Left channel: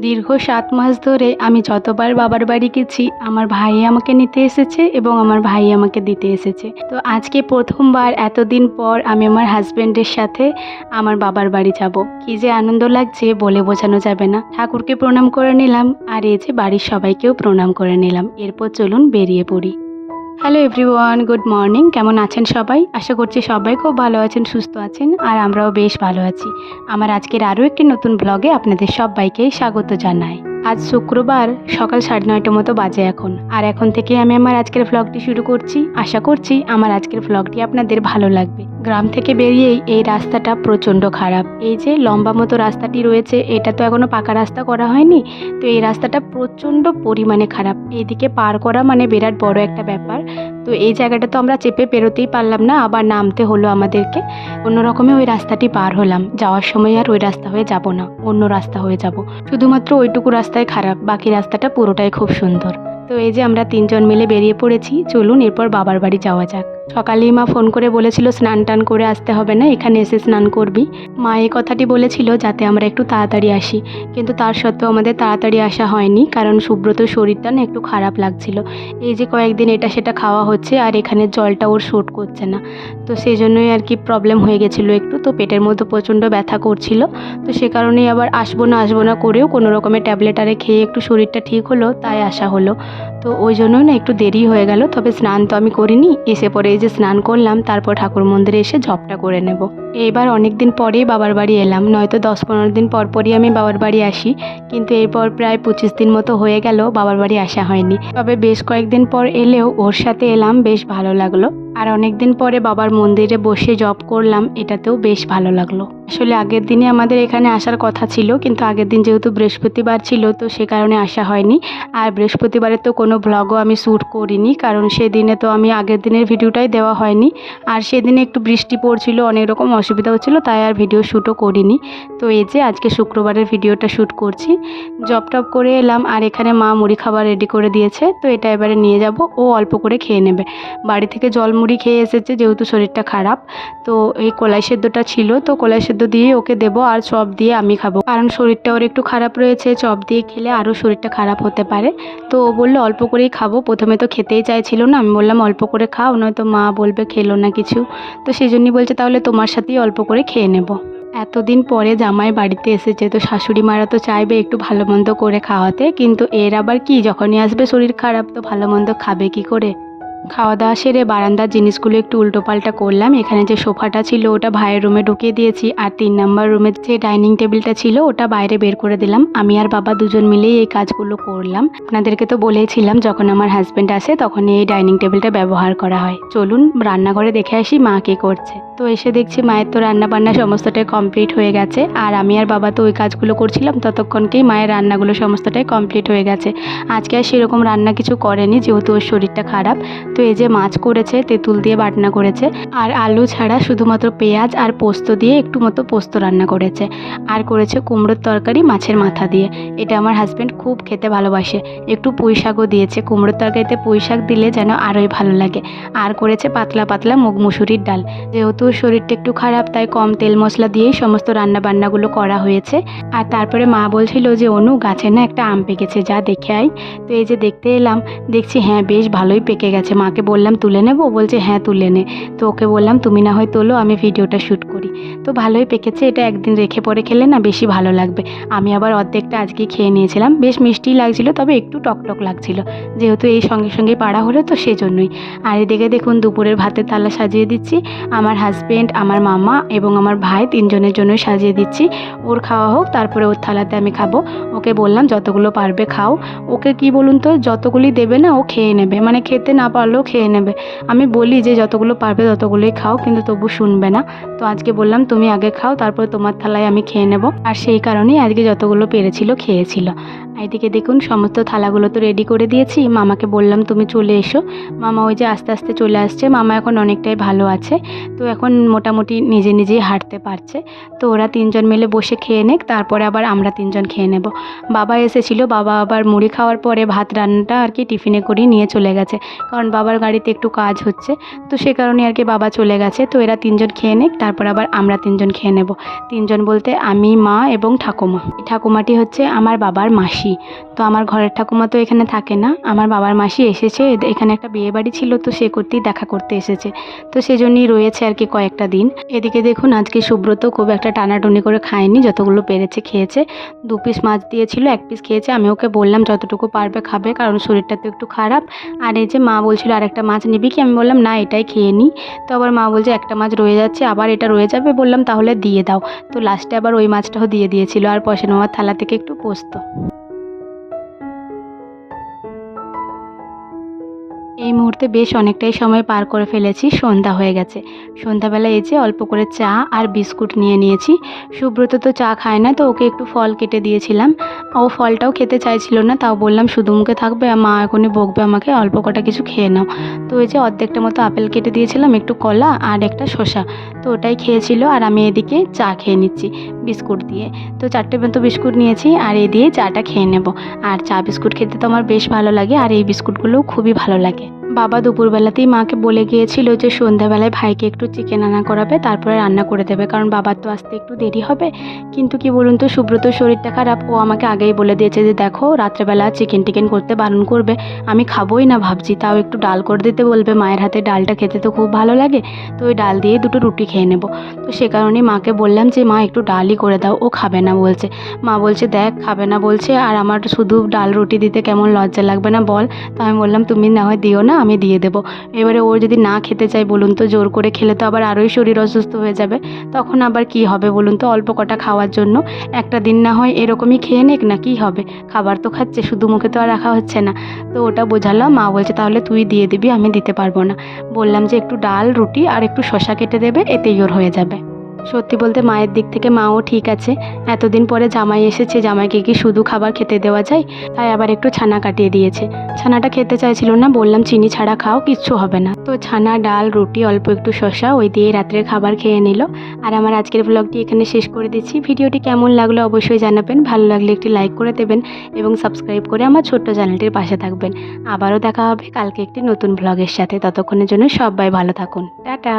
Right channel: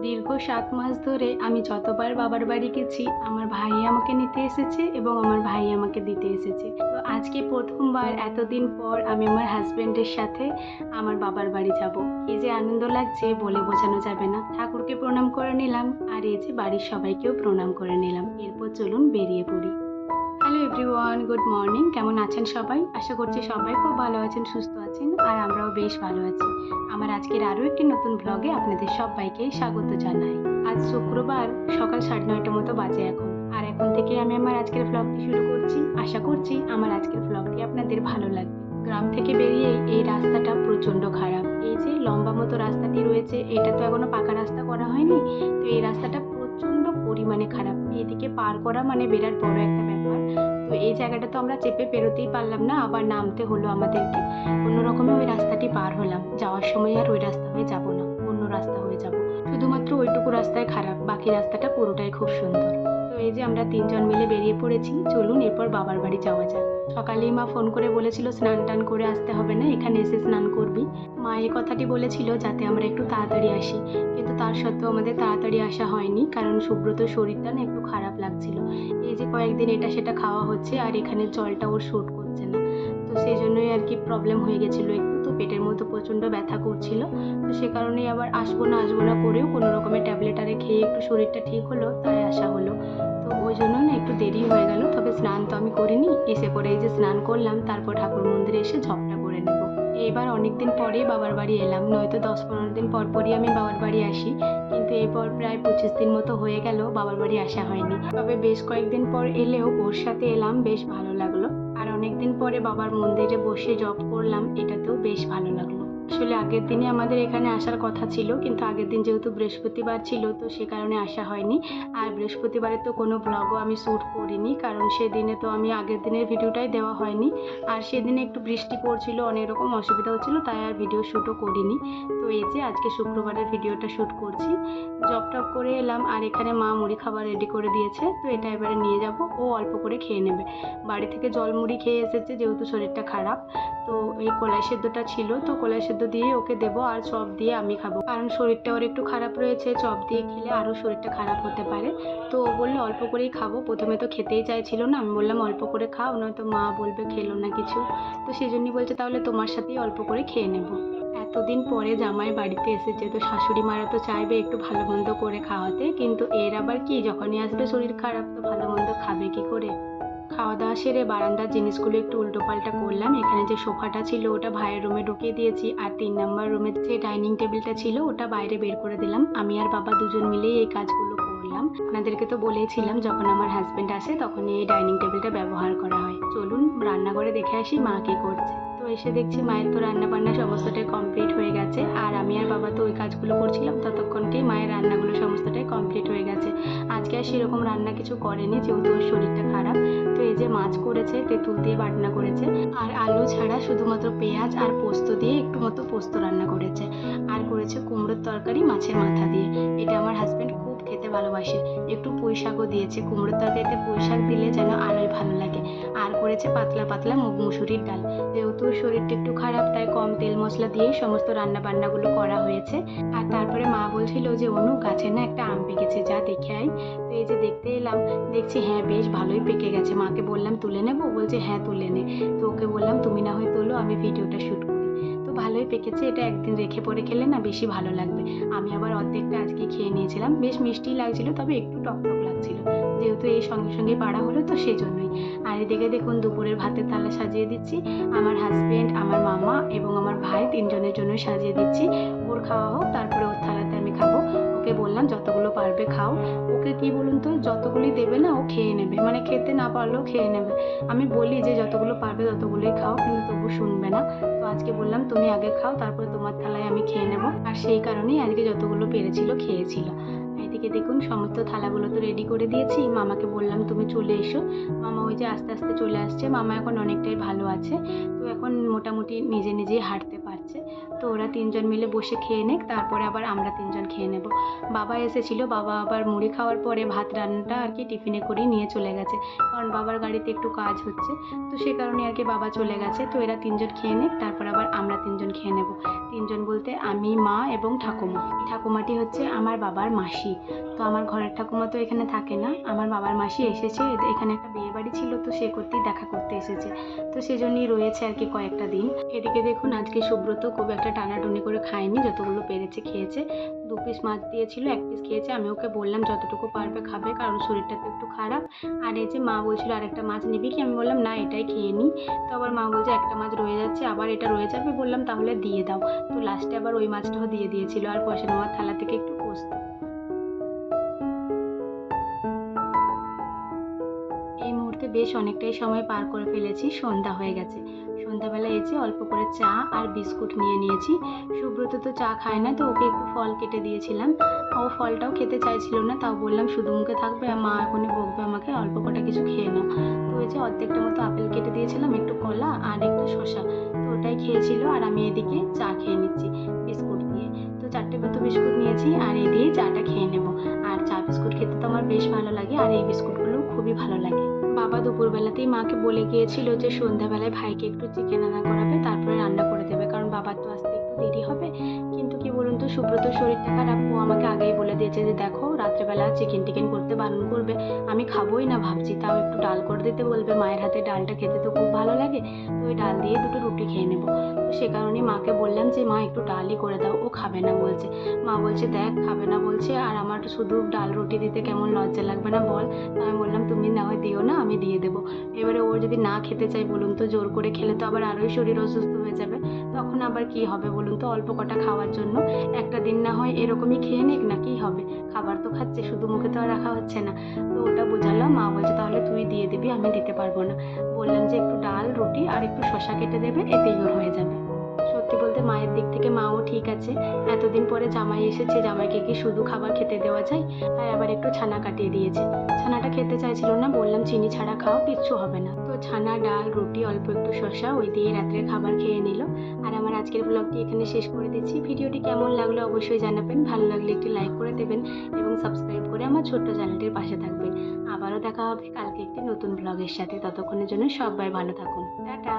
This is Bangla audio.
দীর্ঘ সাত মাস ধরে আমি যতবার বাবার বাড়ি গেছি, আমার ভাই আমাকে নিতে এসেছে এবং আমার ভাই আমাকে দিতে এসেছে। তো আজকে প্রথমবার এতদিন পর আমি আমার হাজব্যান্ডের সাথে আমার বাবার বাড়ি যাব। কি যে আনন্দ লাগছে বলে বোঝানো যাবে না। ঠাকুরকে প্রণাম করে নিলাম আর এই যে বাড়ির সবাইকেও প্রণাম করে নিলাম। এরপর চলুন বেরিয়ে পড়ি। হ্যালো এভরিওয়ান গুড মর্নিং কেমন আছেন সবাই? আশা করছি সবাই খুব ভালো আছেন, সুস্থ আছেন, আর আমরাও বেশ ভালো আছি। আমার আজকের আরও একটি নতুন ব্লগে আপনাদের সবাইকে স্বাগত জানাই। আজ শুক্রবার সকাল সাড়ে নয়টা মতো বাজে এখন। আর এখন থেকে আমি আমার আজকের ফ্লগটি শুরু করছি। আশা করছি আমার আজকের ফ্লগটি আপনাদের ভালো লাগবে। গ্রাম থেকে বেরিয়েই এই রাস্তাটা প্রচণ্ড খারাপ। এই যে লম্বা মতো রাস্তাটি রয়েছে, এটা তো এখনও পাকা রাস্তা করা হয়নি। তো এই রাস্তাটা প্রচণ্ড পরিমাণে খারাপ। এদিকে পার করা মানে বিরাট বড় একটা ব্যাপার। তো এই জায়গাটা তো আমরা চেপে পেরোতেই পারলাম না, আবার নামতে হলো আমাদেরকে। অন্য রকমে ওই রাস্তাটি পার হলাম। যাওয়ার সময় আর ওই রাস্তা হয়ে যাব না, অন্য রাস্তা হয়ে যাব। শুধুমাত্র ওইটুকু রাস্তায় খারাপ, বাকি রাস্তাটা পুরোটাই খুব সুন্দর। তো এই যে আমরা তিনজন মিলে বেরিয়ে পড়েছি, চলুন এরপর বাবার বাড়ি যাওয়া যাক। সকালেই মা ফোন করে বলেছিল, স্নান টান করে আসতে হবে না, এখানে এসে স্নান করবি। মা এই কথাটি বলেছিল যাতে আমরা একটু তাড়াতাড়ি আসি। কিন্তু তার সত্ত্বেও আমাদের তাড়াতাড়ি আসা হয়নি, কারণ সুব্রত শরীরটা না একটু খারাপ লাগছিল। এই যে কয়েকদিন এটা সেটা খাওয়া হচ্ছে, আর এখানে জলটা ওর শ্যুট করছে না। তো সেই জন্যই আর কি প্রবলেম হয়ে গেছিল একটু। তো পেটের মধ্যে প্রচণ্ড ব্যথা করছিল। তো সে কারণেই আবার আসব না আসব না করেও কোনো রকমের ট্যাবলেট আরে খেয়ে একটু শরীরটা ঠিক হলো, তাই আসা হলো। তো ওই জন্যই না একটু দেরি হয়ে গেল, তবে স্নান তো আমি করিনি। এসে পরে এই যে স্নান করলাম, তারপর ঠাকুর মন্দিরে এসে ঝপটা করে নেব। এবার অনেক দিন পরেই বাবার বাড়ি এলাম, নয়তো দশ পনেরো দিন পর পরই আমি বাবার বাড়ি আসি। কিন্তু এরপর প্রায় পঁচিশ দিন মতো হয়ে গেল বাবার বাড়ি আসা হয়নি। তবে বেশ কয়েকদিন পর এলেও ওর সাথে এলাম, বেশ ভালো লাগল। আর অনেক দিন পরে বাবার মন্দিরে বসে জব করলাম, এটাতেও বেশ ভালো লাগল। আসলে আগের দিনে আমাদের এখানে আসার কথা ছিল, কিন্তু আগের দিন যেহেতু বৃহস্পতিবার ছিল, তো সে কারণে আসা হয়নি। আর বৃহস্পতিবারে তো কোনো ব্লগও আমি শ্যুট করিনি, কারণ সেদিনে তো আমি আগের দিনের ভিডিওটাই দেওয়া হয়নি। আর সেদিনে একটু বৃষ্টি পড়ছিল, অনেক রকম অসুবিধা হচ্ছিল তাই আর ভিডিও শ্যুটও করিনি। তো এই যে আজকে শুক্রবারের ভিডিওটা শ্যুট করছি। জব টপ করে এলাম, আর এখানে মা মুড়ি খাবার রেডি করে দিয়েছে, তো এটা এবারে নিয়ে যাব, ও অল্প করে খেয়ে নেবে। বাড়ি থেকে জল মুড়ি খেয়ে এসেছে, যেহেতু শরীরটা খারাপ, তো এই কলাই সেদ্ধটা ছিল, তো কলাই সেদ্ধ দিয়ে ওকে দেবো আর চপ দিয়ে আমি খাব। কারণ শরীরটা ওর একটু খারাপ রয়েছে, চপ দিয়ে খেলে আরও শরীরটা খারাপ হতে পারে। তো ও বলল, অল্প করেই খাব। প্রথমে তো খেতেই চাইছিল না। আমি বললাম, অল্প করে খাও নয়তো মা বলবে খেলো না কিছু। তো সেই জন্যই বলছে, তাহলে তোমার সাথেই অল্প করে খেয়ে নেব। এতদিন পরে জামাই বাড়িতে এসেছে, তো শাশুড়ি মারা তো চাইবে একটু ভালো মন্দ করে খাওয়াতে। কিন্তু এর আবার কি? যখনই আসবে শরীর খারাপ, তো ভালো মন্দ খাবে কি করে? খাওয়া দাওয়া সেরে বারান্দার জিনিসগুলো একটু উল্টোপাল্টা করলাম। এখানে যে সোফাটা ছিল, ওটা ভাইয়ের রুমে ঢুকিয়ে দিয়েছি। আর তিন নাম্বার রুমের যে ডাইনিং টেবিলটা ছিল, ওটা বাইরে বের করে দিলাম। আমি আর বাবা দুজন মিলেই এই কাজগুলো করলাম। আপনাদেরকে তো বলেইছিলাম, যখন আমার হাজব্যান্ড আসে তখন এই ডাইনিং টেবিলটা ব্যবহার করা হয়। চলুন, রান্নাঘরে দেখে আসি মা কী করছে। তো এসে দেখছি মায়ের তো রান্না বান্না সমস্তটাই কমপ্লিট হয়ে গেছে। আর আমি আর বাবা তো ওই কাজগুলো করছিলাম, ততক্ষণকেই মায়ের রান্নাগুলো সমস্তটাই কমপ্লিট হয়ে গেছে। আজকে আর সেরকম রান্না কিছু করেনি, যেহেতু ওর শরীরটা খারাপ। তো এই যে মাছ করেছে, তেঁতুল দিয়ে বাটনা করেছে। আর আলু ছাড়া শুধুমাত্র পেঁয়াজ আর পোস্ত দিয়ে একটু মতো পোস্ত রান্না করেছে। আর করেছে কুমড়োর তরকারি মাছের মাথা দিয়ে। এটা আমার হাজব্যান্ড খুব খেতে ভালোবাসে। একটু পুঁই শাকও দিয়েছে। কুমড়োর তরকারিতে পুঁই শাক দিলে যেন আরোই ভালো লাগে। আর করেছে পাতলা পাতলা মুগ মুসুরির ডাল। যেহেতু শরীরটা একটু খারাপ, তাই কম তেল মশলা দিয়েই সমস্ত রান্না বান্নাগুলো করা হয়েছে। আর তারপরে মা বলছিল যে, অনু, গাছে না একটা আম পেকেছে, যা দেখে আই তো এই যে দেখতে এলাম, দেখছি হ্যাঁ বেশ ভালোই পেকে গেছে। মাকে বললাম, তুলে নেব? বলছে হ্যাঁ তুলে নে। তো ওকে বললাম, তুমি না হয় তোলো, আমি ভিডিওটা শ্যুট করি। তো ভালোই পেকেছে, এটা একদিন রেখে পরে খেলে না বেশি ভালো লাগবে। আমি আবার অর্ধেকটা আজকে খেয়ে নিয়েছিলাম, বেশ মিষ্টি লাগছিল, তবে একটু টকটক লাগছিল। যেহেতু এই সঙ্গে সঙ্গে পাড়া হলো তো সেজন্যই। আর এদিকে দেখুন, দুপুরের ভাতের থালা সাজিয়ে দিচ্ছি। আমার হাজব্যান্ড আমার মামা এবং আমার ভাই তিনজনের জন্য সাজিয়ে দিচ্ছি। ওর খাওয়া হোক, তারপরে ওর থালাতে আমি খাব। ওকে বললাম, যতগুলো পারবে খাও। ওকে কি বলুন তো, যতগুলি দেবে না, ও খেয়ে নেবে। মানে খেতে না পারলেও খেয়ে নেবে। আমি বলি যে, যতগুলো পারবে ততগুলোই খাও, কিন্তু তবু শুনবে না। তো আজকে বললাম তুমি আগে খাও, তারপর তোমার থালায় আমি খেয়ে নেব। আর সেই কারণেই আজকে যতগুলো পেরেছিল খেয়েছিল। এদিকে দেখুন, সমস্ত থালাগুলো তো রেডি করে দিয়েছি। মামাকে বললাম, তুমি চলে এসো। মামা ওই যে আস্তে আস্তে চলে আসছে। মামা এখন অনেকটাই ভালো আছে। তো এখন মোটামুটি নিজে নিজেই হাঁটতে পারছে। তো ওরা তিনজন মিলে বসে খেয়ে নেক, তারপরে আবার আমরা তিনজন খেয়ে নেব। বাবা এসেছিল, বাবা আবার মুড়ি খাওয়ার পরে ভাত রান্নাটা আর কি টিফিনে করেই নিয়ে চলে গেছে। কারণ বাবার গাড়িতে একটু কাজ হচ্ছে। তো সে কারণে আর কি বাবা চলে গেছে। তো এরা তিনজন খেয়ে নেক, তারপর আবার আমরা তিনজন খেয়ে নেব। তিনজন বলতে আমি, মা এবং ঠাকুমা। ঠাকুমাটি হচ্ছে আমার বাবার মাসি। তো আমার ঘরের ঠাকুমা তো এখানে থাকে না। আমার বাবার মাসি এসেছে। এখানে একটা বিয়ে বাড়ি ছিল, তো সে করতেই দেখা করতে এসেছে। তো সেজন্যই রয়েছে আর কি কয়েকটা দিন। এদিকে দেখুন, আজকে সুব্রত খুব একটা টানাটুনি করে খায়নি। যতগুলো পেরেছে খেয়েছে। দু পিস মাছ দিয়েছিল, এক পিস খেয়েছে। আমি ওকে বললাম, যতটুকু পারবে খাবে, কারণ শরীরটা তো একটু খারাপ। আর এই যে মা বলছিল আর একটা মাছ নিবি কি? আমি বললাম, না, এটাই খেয়ে নিই তো আবার মা বলছে, একটা মাছ রয়ে যাচ্ছে, আবার এটা রয়ে যাবে? বললাম তাহলে দিয়ে দাও। তো লাস্টে আবার ওই মাছটাও দিয়ে দিয়েছিল, আর পয়সা নেওয়ার থালা থেকে একটু পোস্ত। এই মুহূর্তে বেশ অনেকটাই সময় পার করে ফেলেছি, সন্ধ্যা হয়ে গেছে। সন্ধ্যাবেলা এই যে অল্প করে চা আর বিস্কুট নিয়ে নিয়েছি। সুব্রত তো চা খায় না, তো ওকে একটু ফল কেটে দিয়েছিলাম। ও ফলটাও খেতে চাইছিল না, তাও বললাম, শুধু মুখে থাকবে মা এখনই বকবে আমাকে, অল্প কটা কিছু খেয়ে নাও। তো ওই যে অর্ধেকটা মতো আপেল কেটে দিয়েছিলাম, একটু কলা আর একটা শসা। তো ওটাই খেয়েছিল আর আমি এদিকে চা খেয়ে নিচ্ছি, বিস্কুট দিয়ে। তো চারটে মতো বিস্কুট নিয়েছি আর এই দিয়ে চাটা খেয়ে নেব। আর চা বিস্কুট খেতে তো আমার বেশ ভালো লাগে আর এই বিস্কুটগুলোও খুবই ভালো লাগে। বাবা দুপুরবেলাতেই মাকে বলে গিয়েছিল যে সন্ধ্যাবেলায় ভাইকে একটু চিকেন আনা করাবে, তারপরে রান্না করে দেবে। কারণ বাবার তো আসতে একটু দেরি হবে। কিন্তু কি বলুন তো সুব্রতর শরীরটা খারাপ। ও আমাকে আগেই বলে দিয়েছে যে, দেখো, রাত্রেবেলা চিকেন টিকেন করতে বারণ করবে। আমি খাবোই না ভাবছি। তাও একটু ডাল করে দিতে বলবে। মায়ের হাতে ডালটা খেতে তো খুব ভালো লাগে। তো ওই ডাল দিয়ে দুটো রুটি খেয়ে নেব। তো সে কারণেই মাকে বললাম যে, মা, একটু ডালই করে দাও। ও খাবে না বলছে। মা বলছে, দেখ, খাবে না বলছে। আর আমার শুধু ডাল রুটি দিতে কেমন লজ্জা লাগবে না বল? তো আমি বললাম, তুমি না হয় দিও না আমি দিয়ে দেবো। এবারে ও যদি না খেতে চায় বলুন তো, জোর করে খেলে তো আবার আরোই শরীর অসুস্থ হয়ে যাবে। তখন আবার কি হবে বলুন তো, অল্প কটা খাওয়ার জন্য। একটা দিন না হয় এরকমই খেয়ে নেক না, কি হবে? খাবার তো খাচ্ছে, শুধু মুখে তো আর রাখা হচ্ছে না। তো ওটা বোঝালাম, মা বলছে তাহলে তুই দিয়ে দিবি, আমি দিতে পারব না। বললাম যে একটু ডাল, রুটি আর একটু শশা কেটে দেবে, এতেই ওর হয়ে যাবে। সত্যি বলতে মায়ের দিক থেকে মাও ঠিক আছে। এতদিন পরে জামাই এসেছে, জামাইকে কি শুধু খাবার খেতে দেওয়া যায়? তাই আবার একটু ছানা কাটিয়ে দিয়েছে। ছানাটা খেতে চাইছিল না, বললাম, চিনি ছাড়া খাও, কিচ্ছু হবে না। তো ছানা, ডাল, রুটি, অল্প একটু শসা, ওই দিয়ে রাত্রের খাবার খেয়ে নিল। আর আমার আজকের ব্লগটি এখানে শেষ করে দিচ্ছি। ভিডিওটি কেমন লাগল অবশ্যই জানাবেন। ভালো লাগলে একটি লাইক করে দেবেন এবং সাবস্ক্রাইব করে আমার ছোট্ট চ্যানেলটির পাশে থাকবেন। আবারও দেখা হবে কালকে একটি নতুন ব্লগের সাথে। ততক্ষণের জন্য সবাই ভালো থাকুন। টাটা!